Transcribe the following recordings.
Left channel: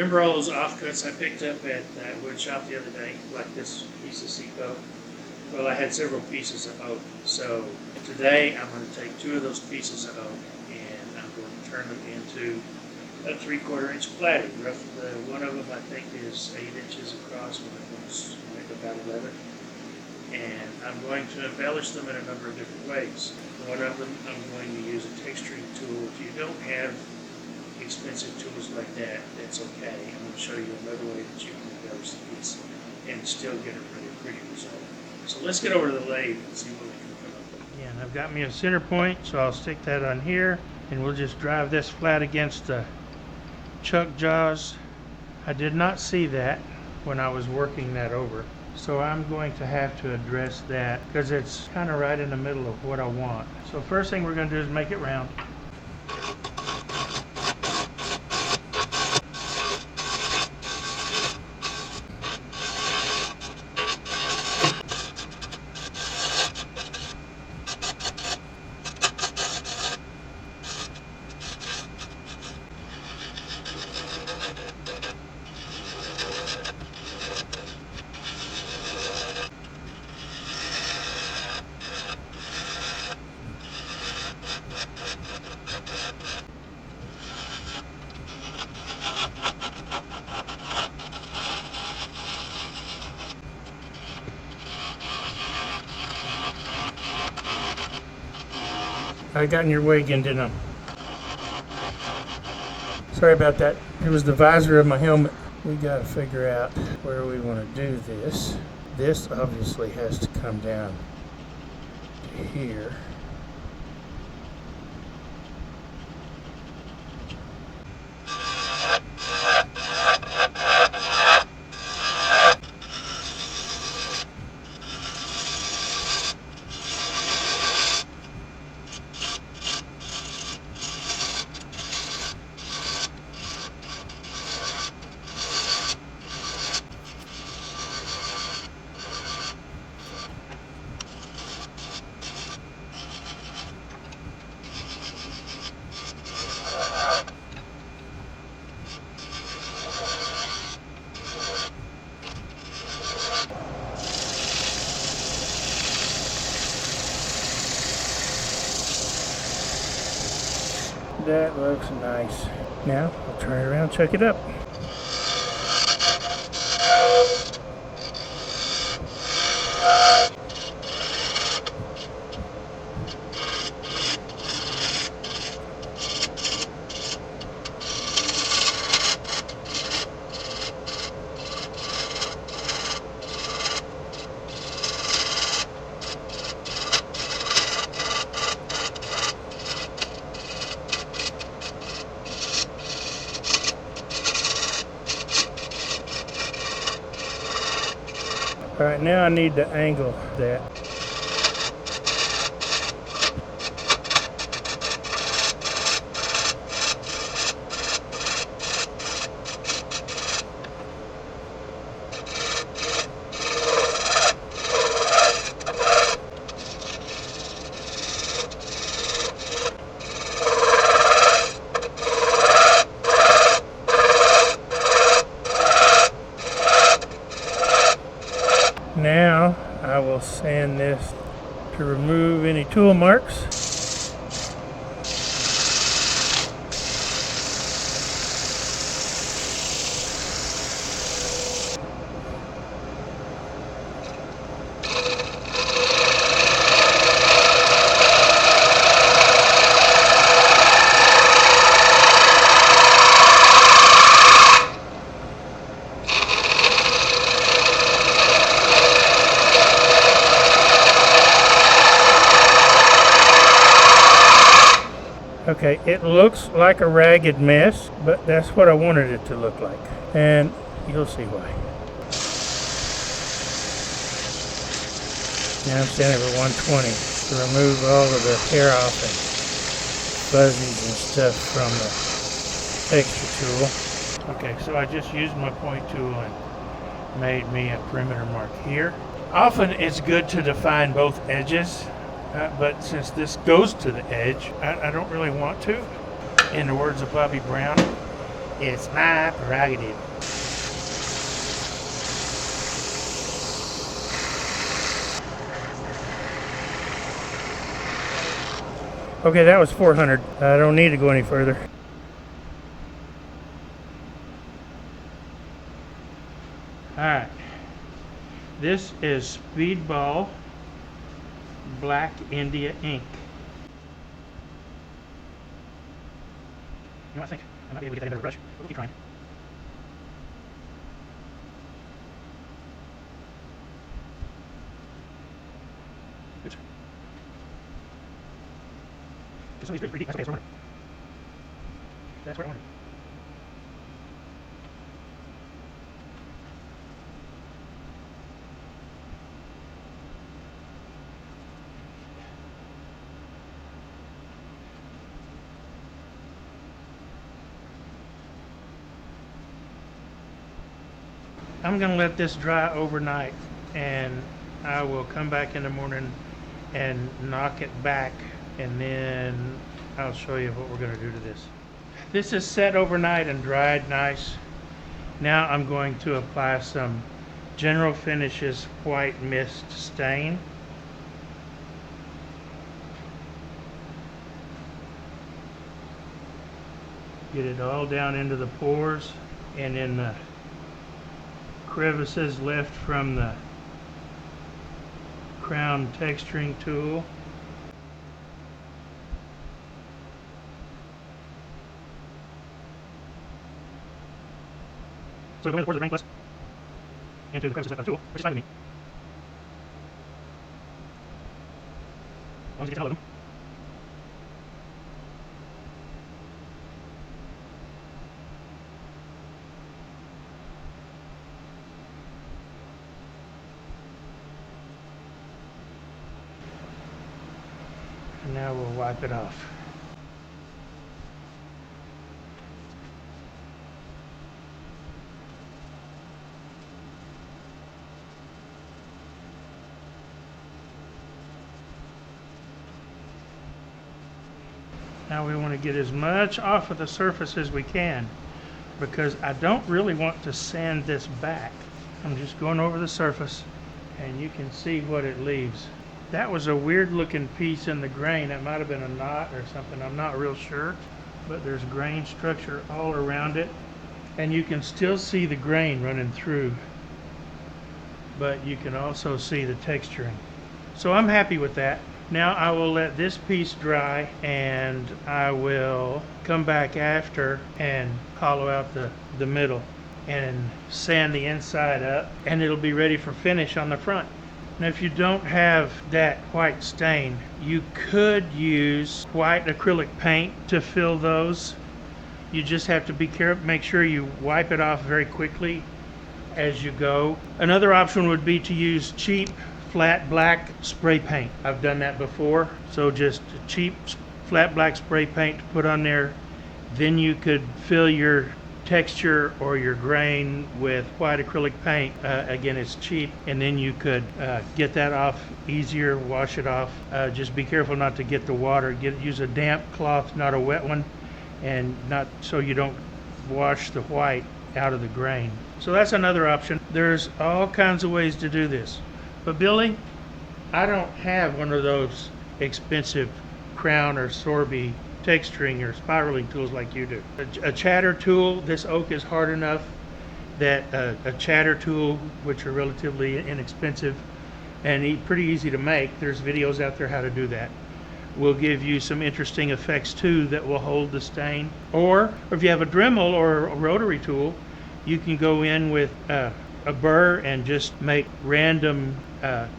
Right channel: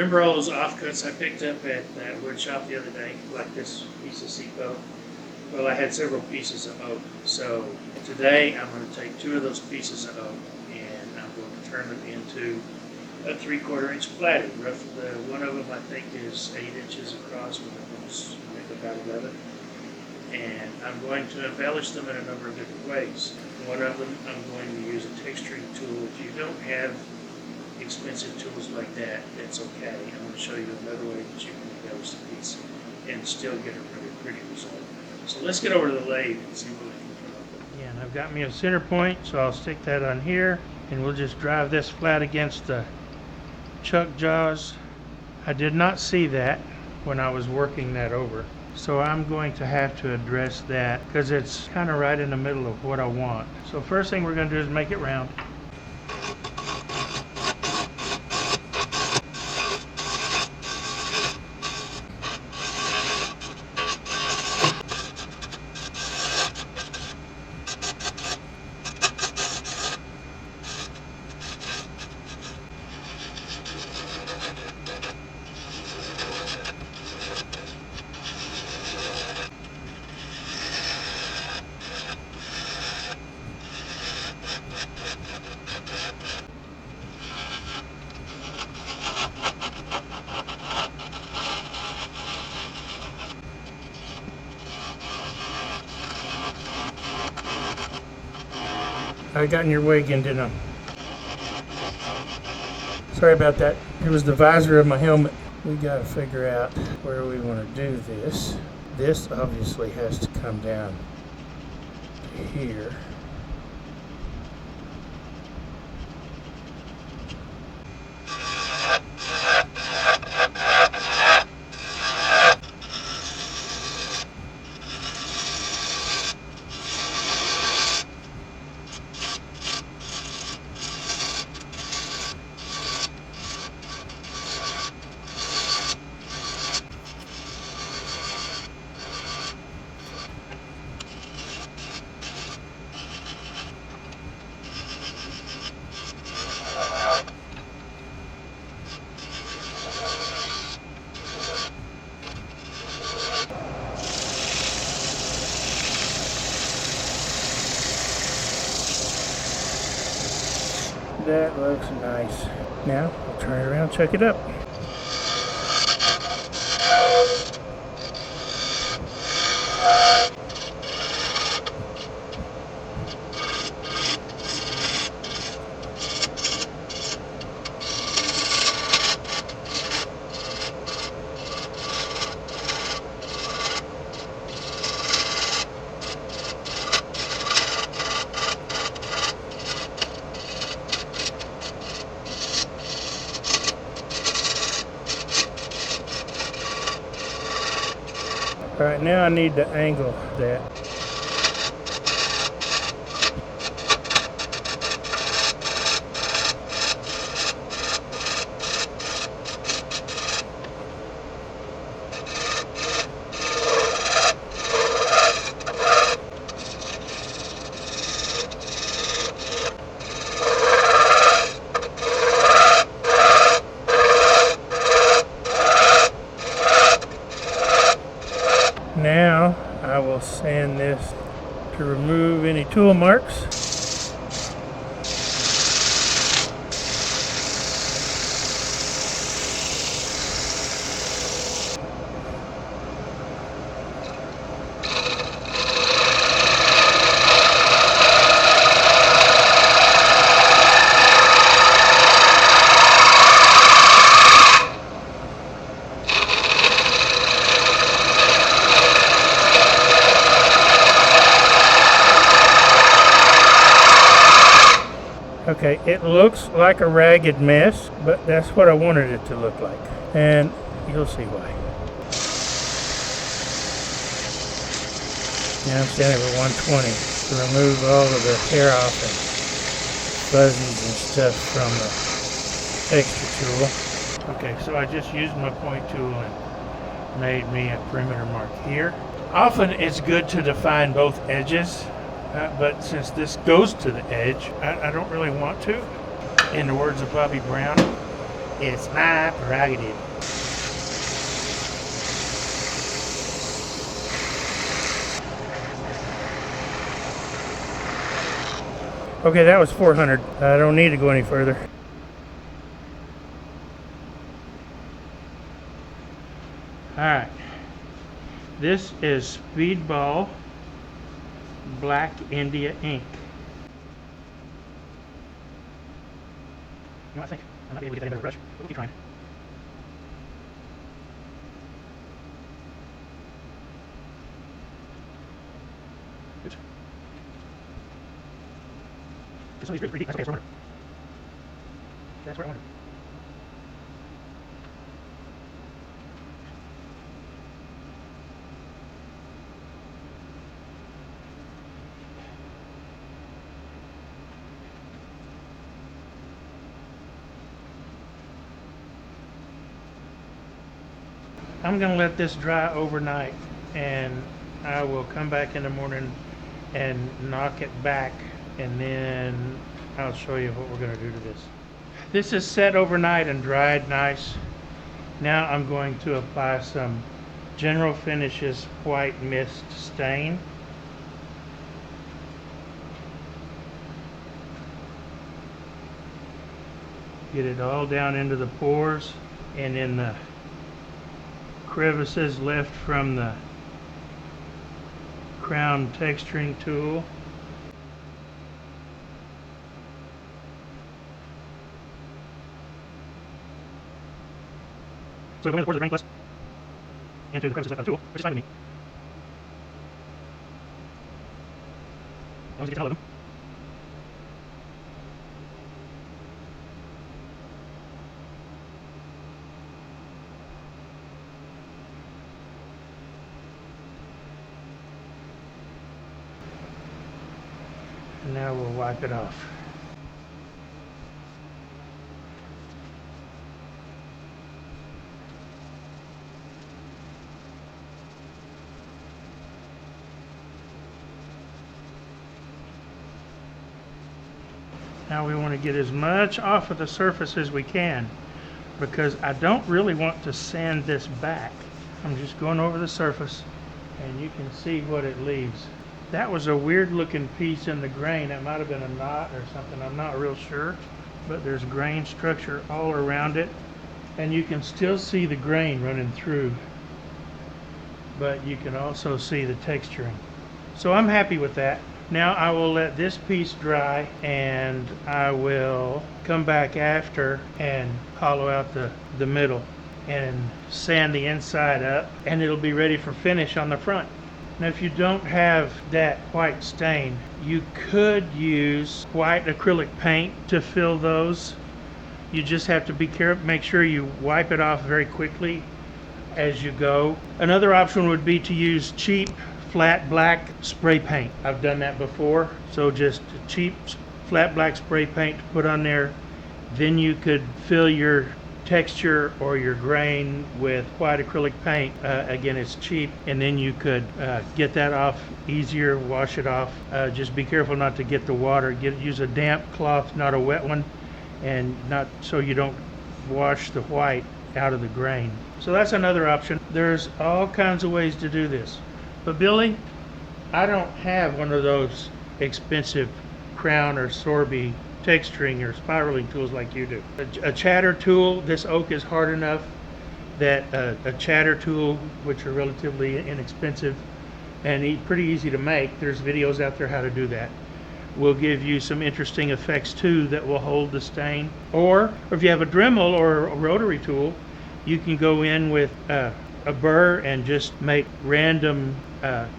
Remember all those offcuts I picked up at that wood shop the other day, like this piece of Seco? Well, I had several pieces of oak. So today I'm going to take 2 of those pieces of oak and I'm going to turn them into a 3/4 inch platter. One of them I think is 8 inches across, one of them is maybe about 11. And I'm going to embellish them in a number of different ways. One of them, I'm going to use a texturing tool. If you don't have expensive tools like that, that's okay. I'm going to show you another way that you can embellish the piece and still get a really pretty result. So let's get over to the lathe and see what we can come up with. Again, I've got me a center point, so I'll stick that on here, and we'll just drive this flat against the chuck jaws. I did not see that when I was working that over, so I'm going to have to address that because it's kind of right in the middle of what I want. So first thing we're going to do is make it round. I got in your way again, didn't I? Sorry about that. It was the visor of my helmet. We got to figure out where we want to do this. This obviously has to come down to here. That looks nice. Now I'll turn it around, check it up. All right, now I need to angle that. Now I will sand this to remove any tool marks. Okay, it looks like a ragged mess, but that's what I wanted it to look like. And you'll see why. Now I'm sanding it at 120 to remove all of the hair off and fuzzies and stuff from the extra tool. Okay, so I just used my point tool and made me a perimeter mark here. Often it's good to define both edges. But since this goes to the edge, I don't really want to. In the words of Bobby Brown, It's my prerogative. Okay, that was 400. I don't need to go any further. Alright. This is Speedball Black India ink. I think I might be able to get that into the brush. We'll keep trying. Oops. This one is pretty deep. That's okay, so that's where I want it. I'm going to let this dry overnight, and I will come back in the morning and knock it back, and then I'll show you what we're going to do to this. This is set overnight and dried nice. Now I'm going to apply some General Finishes White Mist Stain. Get it all down into the pores and in the crevices left from the crown texturing tool. So I'm going to pour the drain plus into the crevices left on the tool, which is fine with me. As long as it gets all of them. And now we'll wipe it off. Now we want to get as much off of the surface as we can, because I don't really want to sand this back. I'm just going over the surface, and you can see what it leaves. That was a weird looking piece in the grain. That might have been a knot or something, I'm not real sure. But there's grain structure all around it. And you can still see the grain running through. But you can also see the texturing. So I'm happy with that. Now I will let this piece dry, and I will come back after and hollow out the middle and sand the inside up, and it'll be ready for finish on the front. Now if you don't have that white stain, you could use white acrylic paint to fill those. You just have to be careful, make sure you wipe it off very quickly as you go. Another option would be to use cheap flat black spray paint. I've done that before. So just cheap flat black spray paint to put on there. Then you could fill your texture or your grain with white acrylic paint. Again, it's cheap, and then you could get that off easier, wash it off. Just be careful not to get the water. Use a damp cloth, not a wet one, and not so you don't wash the white out of the grain. So that's another option. There's all kinds of ways to do this. But Billy, I don't have one of those expensive Crown or Sorby texturing or spiraling tools like you do. A chatter tool, this oak is hard enough that a chatter tool, which are relatively inexpensive and pretty easy to make, there's videos out there how to do that, will give you some interesting effects too that will hold the stain. Or if you have a Dremel or a rotary tool, you can go in with a burr and just make random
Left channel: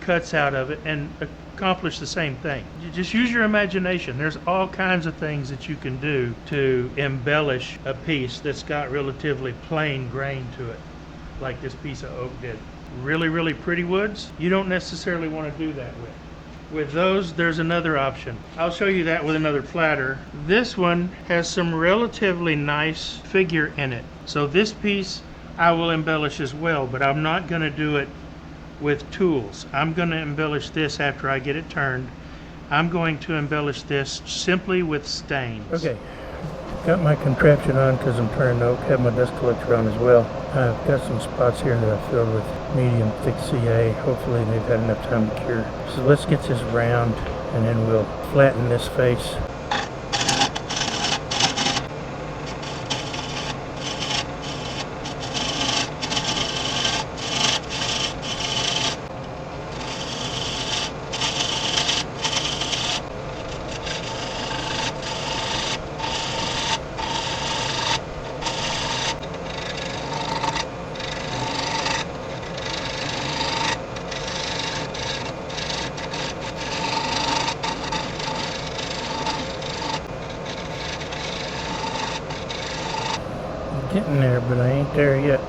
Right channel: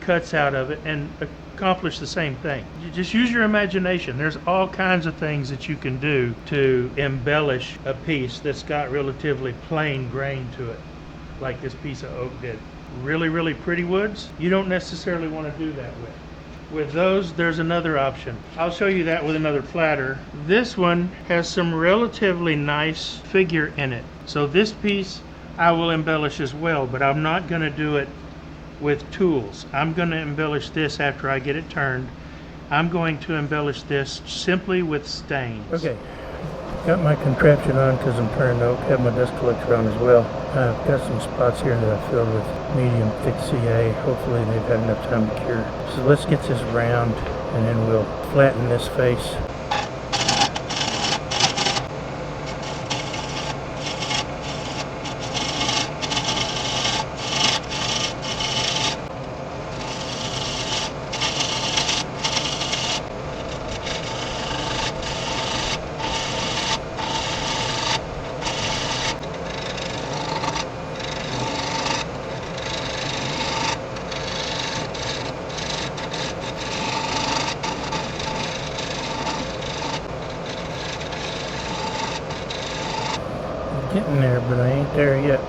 cuts out of it and accomplish the same thing. You just use your imagination. There's all kinds of things that you can do to embellish a piece that's got relatively plain grain to it, like this piece of oak did. Really, really pretty woods, you don't necessarily want to do that with. With those, there's another option. I'll show you that with another platter. This one has some relatively nice figure in it. So this piece I will embellish as well, but I'm not going to do it with tools. I'm going to embellish this after I get it turned. I'm going to embellish this simply with stains. Okay, Got my contraption on because I'm turning oak. Have my dust collector on as well. I've got some spots here that I filled with medium thick CA. Hopefully they've had enough time to cure. So let's get this round and then we'll flatten this face. Getting there, but I ain't there yet.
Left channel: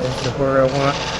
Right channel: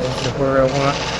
This is where I want.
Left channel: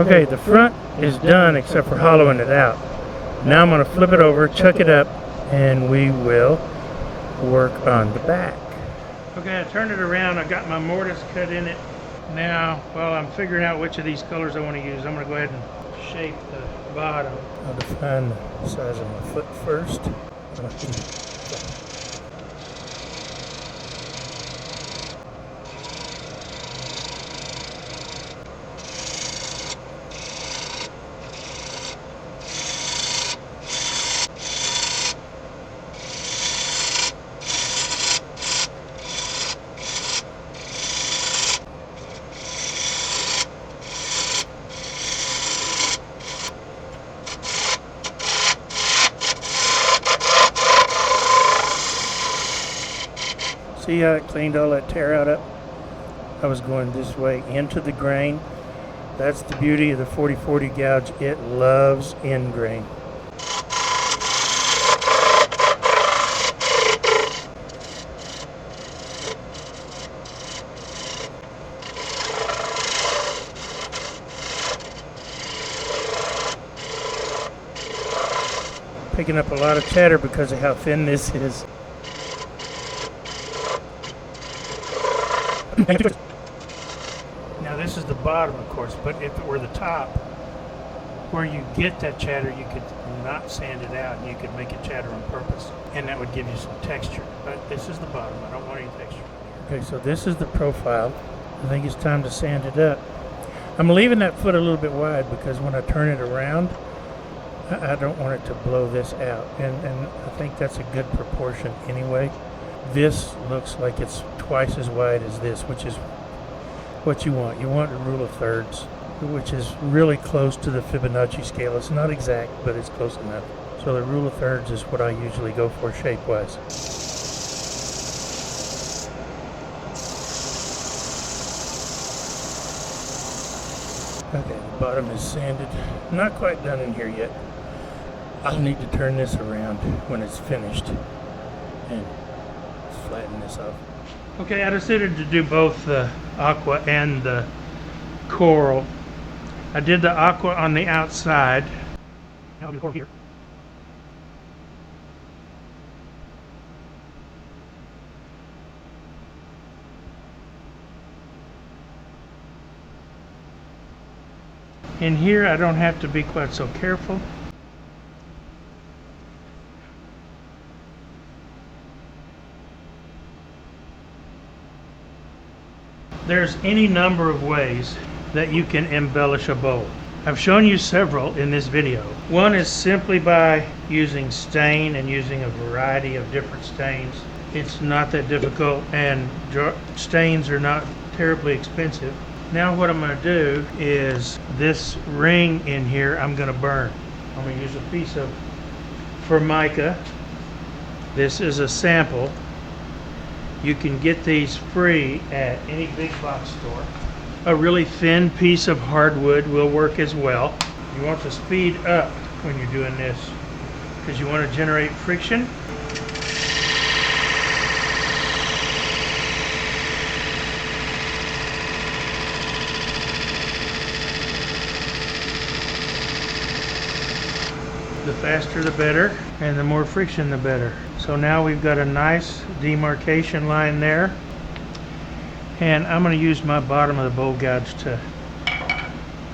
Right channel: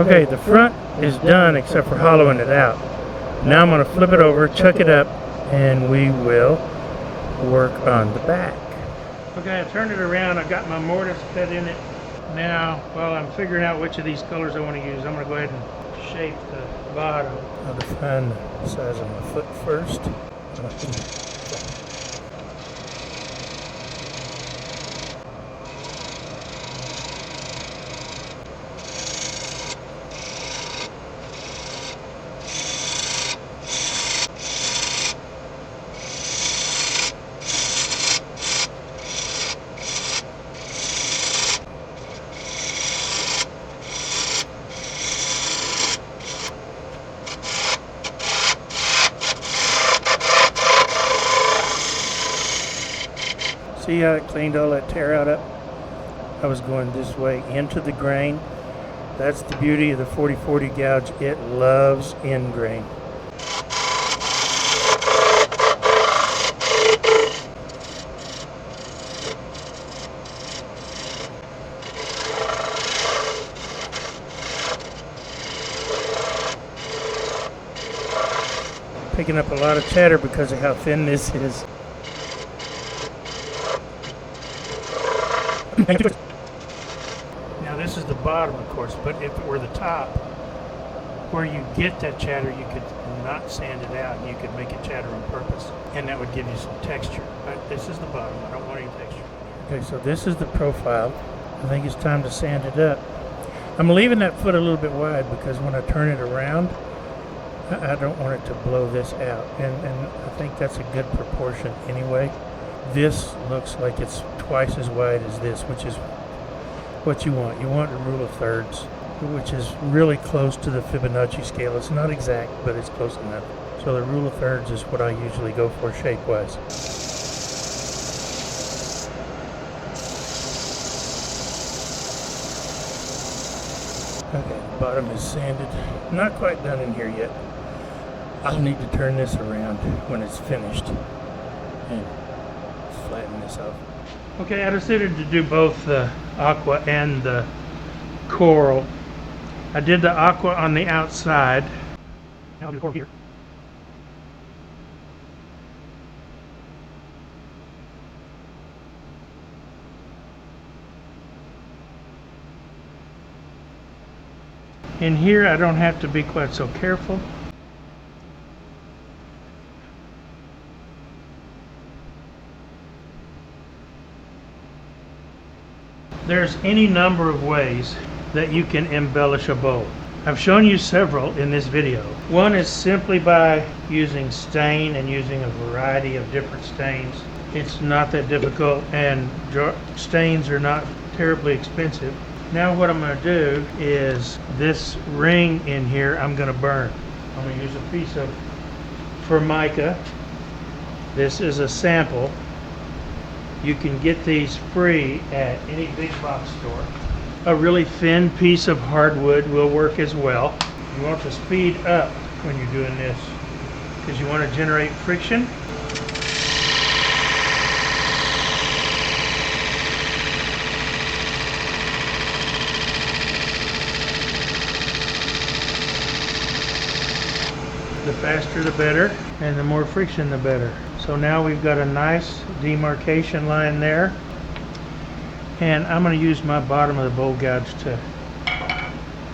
Okay, the front is done except for hollowing it out. Now I'm going to flip it over, chuck it up, and we will work on the back. Okay, I turned it around. I got my mortise cut in it. Now, while I'm figuring out which of these colors I want to use, I'm going to go ahead and shape the bottom. I'll define the size of my foot first. See how it cleaned all that tear out up? I was going this way into the grain. That's the beauty of the 40/40 gouge. It loves in grain. Picking up a lot of tatter because of how thin this is. Now this is the bottom, of course, but if it were the top, where you get that chatter, you could not sand it out. You could make it chatter on purpose, and that would give you some texture. But this is the bottom. I don't want any texture. Okay, so this is the profile. I think it's time to sand it up. I'm leaving that foot a little bit wide because when I turn it around, I don't want it to blow this out, and I think that's a good proportion anyway. This looks like it's twice as wide as this, which is what you want. You want a rule of thirds, which is really close to the Fibonacci scale. It's not exact, but it's close enough. So the rule of thirds is what I usually go for shape-wise. Okay, the bottom is sanded. Not quite done in here yet. I'll need to turn this around when it's finished and flatten this up. Okay, I decided to do both the aqua and the coral. I did the aqua on the outside. Here. In here, I don't have to be quite so careful. There's any number of ways that you can embellish a bowl. I've shown you several in this video. One is simply by using stain and using a variety of different stains. It's not that difficult, and stains are not terribly expensive. Now what I'm going to do is this ring in here I'm going to burn. I'm going to use a piece of Formica. This is a sample. You can get these free at any big box store. A really thin piece of hardwood will work as well. You want to speed up when you're doing this because you want to generate friction. The faster the better, and the more friction the better. So now we've got a nice demarcation line there. And I'm going to use my bottom of the bowl gouge to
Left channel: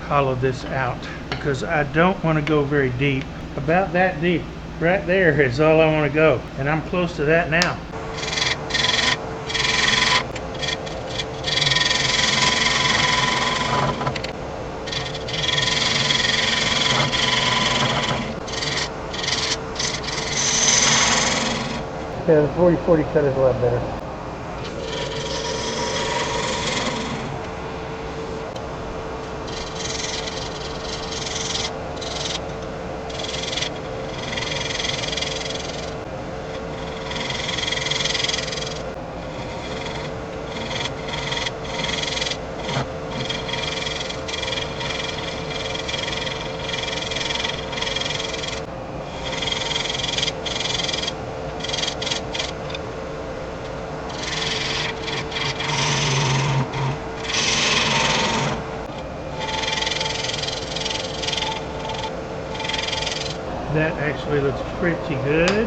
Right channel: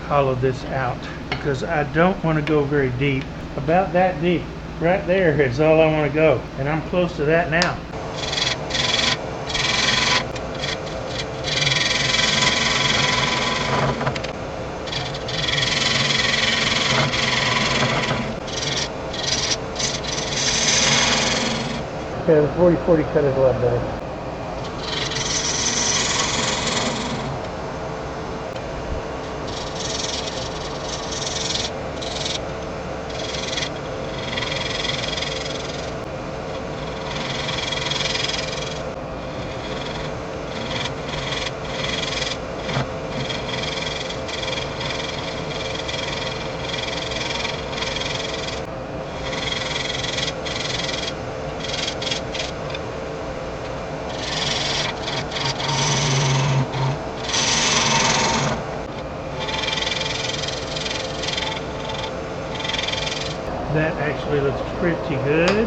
hollow this out because I don't want to go very deep. About that deep. Right there is all I want to go. And I'm close to that now. Yeah, the 40-40 cut is a lot better. That actually looks pretty good.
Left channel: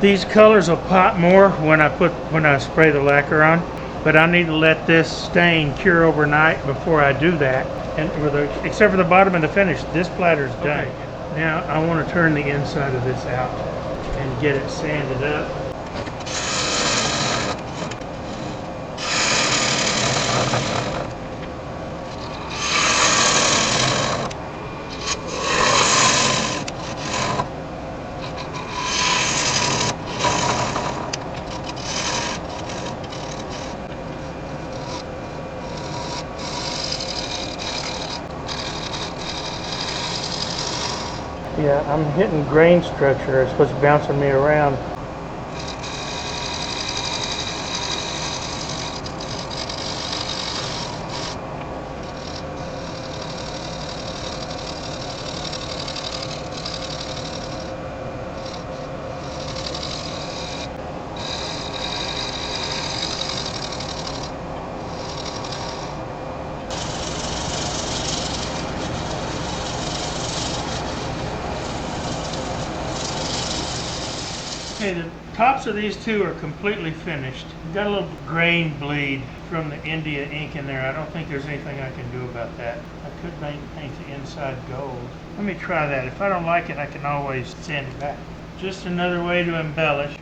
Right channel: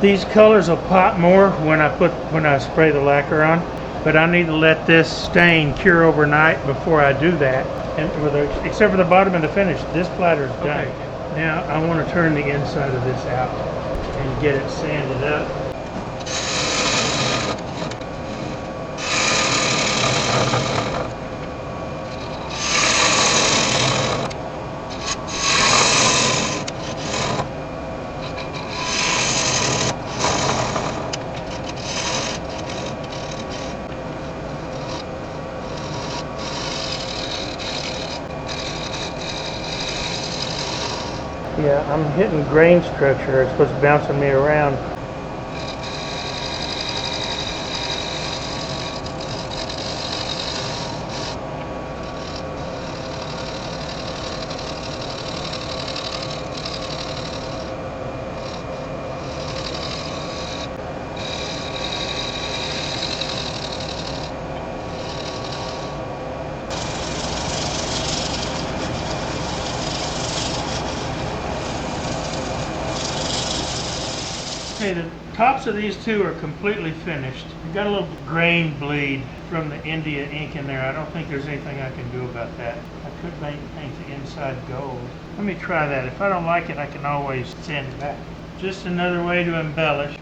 These colors will pop more when I spray the lacquer on, but I need to let this stain cure overnight before I do that. And except for the bottom of the finish, this platter is done. Okay. Now I want to turn the inside of this out and get it sanded up. Yeah, I'm hitting grain structure. It's supposed to be bouncing me around. Okay, the tops of these two are completely finished. You've got a little grain bleed from the India ink in there. I don't think there's anything I can do about that. I could paint the inside gold. Let me try that. If I don't like it, I can always sand it back. Just another way to embellish.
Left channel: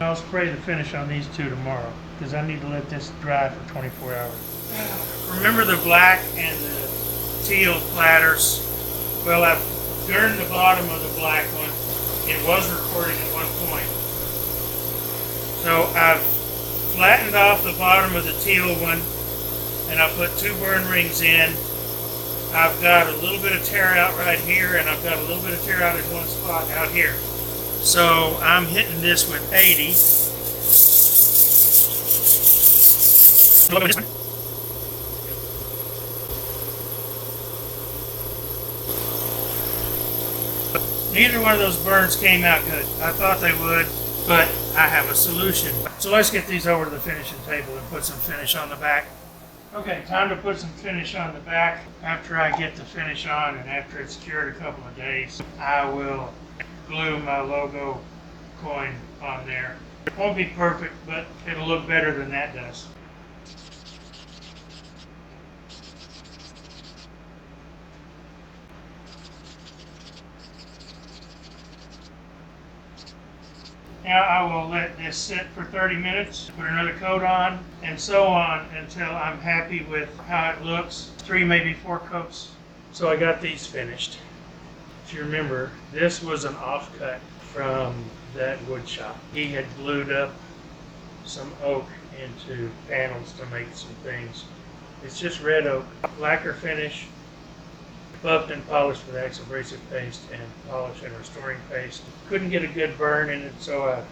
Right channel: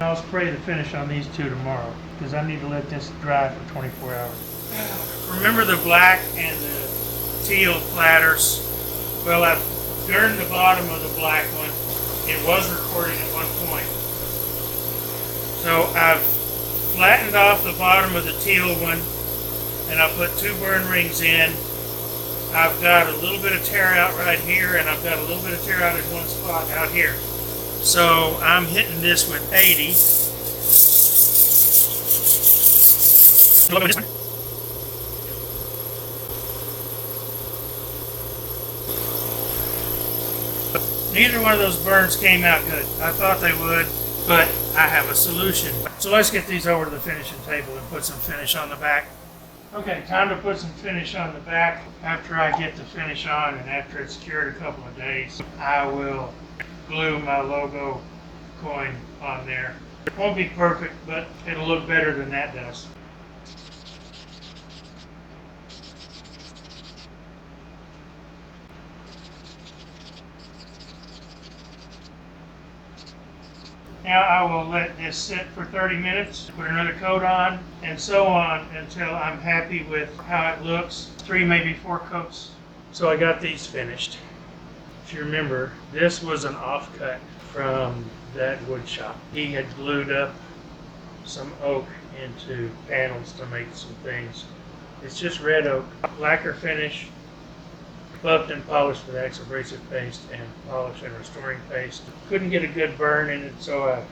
I'll spray the finish on these two tomorrow because I need to let this dry for 24 hours. Remember the black and the teal platters? Well, I've burned the bottom of the black one. It was recording at one point. So I've flattened off the bottom of the teal one, and I put 2 burn rings in. I've got a little bit of tear out right here, and I've got a little bit of tear out in one spot out here. So I'm hitting this with 80. Neither one of those burns came out good. I thought they would, but I have a solution. So let's get these over to the finishing table and put some finish on the back. Okay, time to put some finish on the back. After I get the finish on and after it's cured a couple of days, I will glue my logo coin on there. It won't be perfect, but it'll look better than that does. Now I will let this sit for 30 minutes, put another coat on, and so on until I'm happy with how it looks. 3, maybe 4 coats. So I got these finished. If you remember, this was an offcut from that wood shop. He had glued up some oak into panels to make some things. It's just red oak, lacquer finish, buffed and polished with abrasive paste and polish and restoring paste. Couldn't get a good burn in it, so I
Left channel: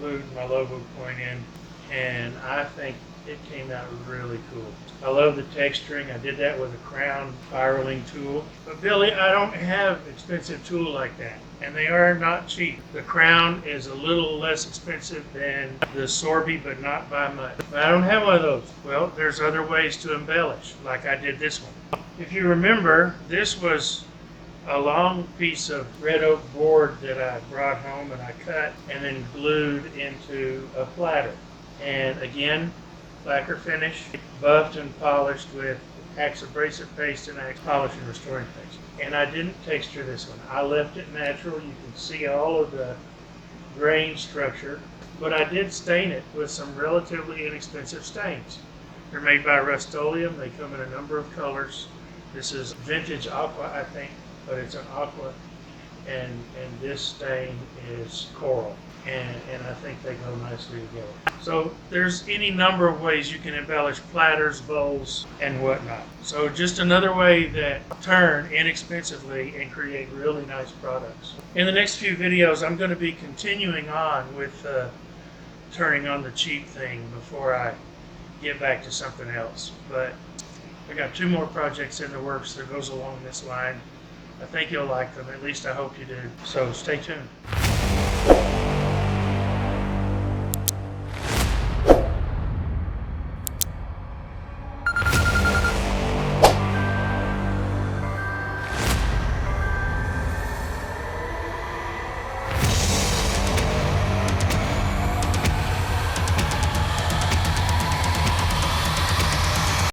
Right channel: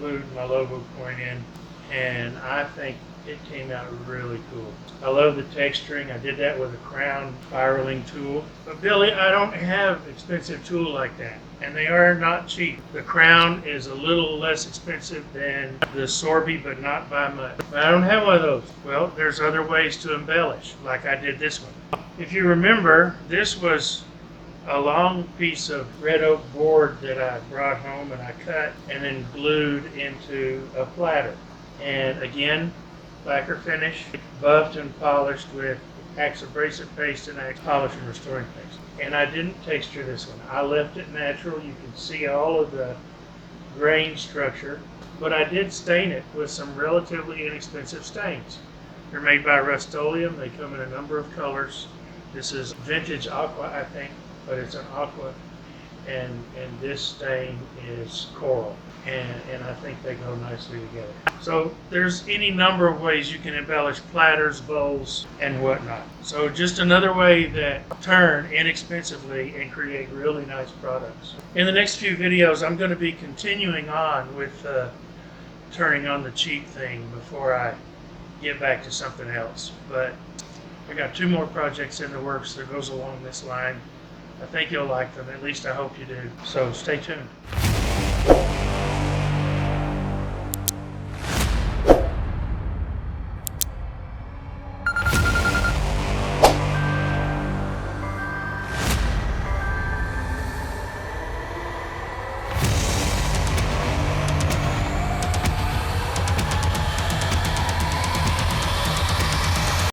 glued my logo coin in, and I think it came out really cool. I love the texturing. I did that with a crown spiraling tool. But Billy, I don't have expensive tool like that, and they are not cheap. The crown is a little less expensive than the Sorby, but not by much. But I don't have one of those. Well, there's other ways to embellish, like I did this one. If you remember, this was a long piece of red oak board that I brought home and I cut and then glued into a platter. And again, lacquer finish, buffed and polished with abrasive paste and polish and restoring paste. And I didn't texture this one. I left it natural. You can see all of the grain structure, but I did stain it with some relatively inexpensive stains. They're made by Rust-Oleum. They come in a number of colors. This is vintage aqua, I think, but it's an aqua, and this stain is coral, and I think they go nicely together. So there's any number of ways you can embellish platters, bowls, and whatnot. So just another way that turn inexpensively and create really nice products. In the next few videos, I'm going to be continuing on with turning on the cheap thing before I get back to something else. But I got 2 more projects in the works that goes along this line. I think you'll like them. At least I hope you do. So stay tuned.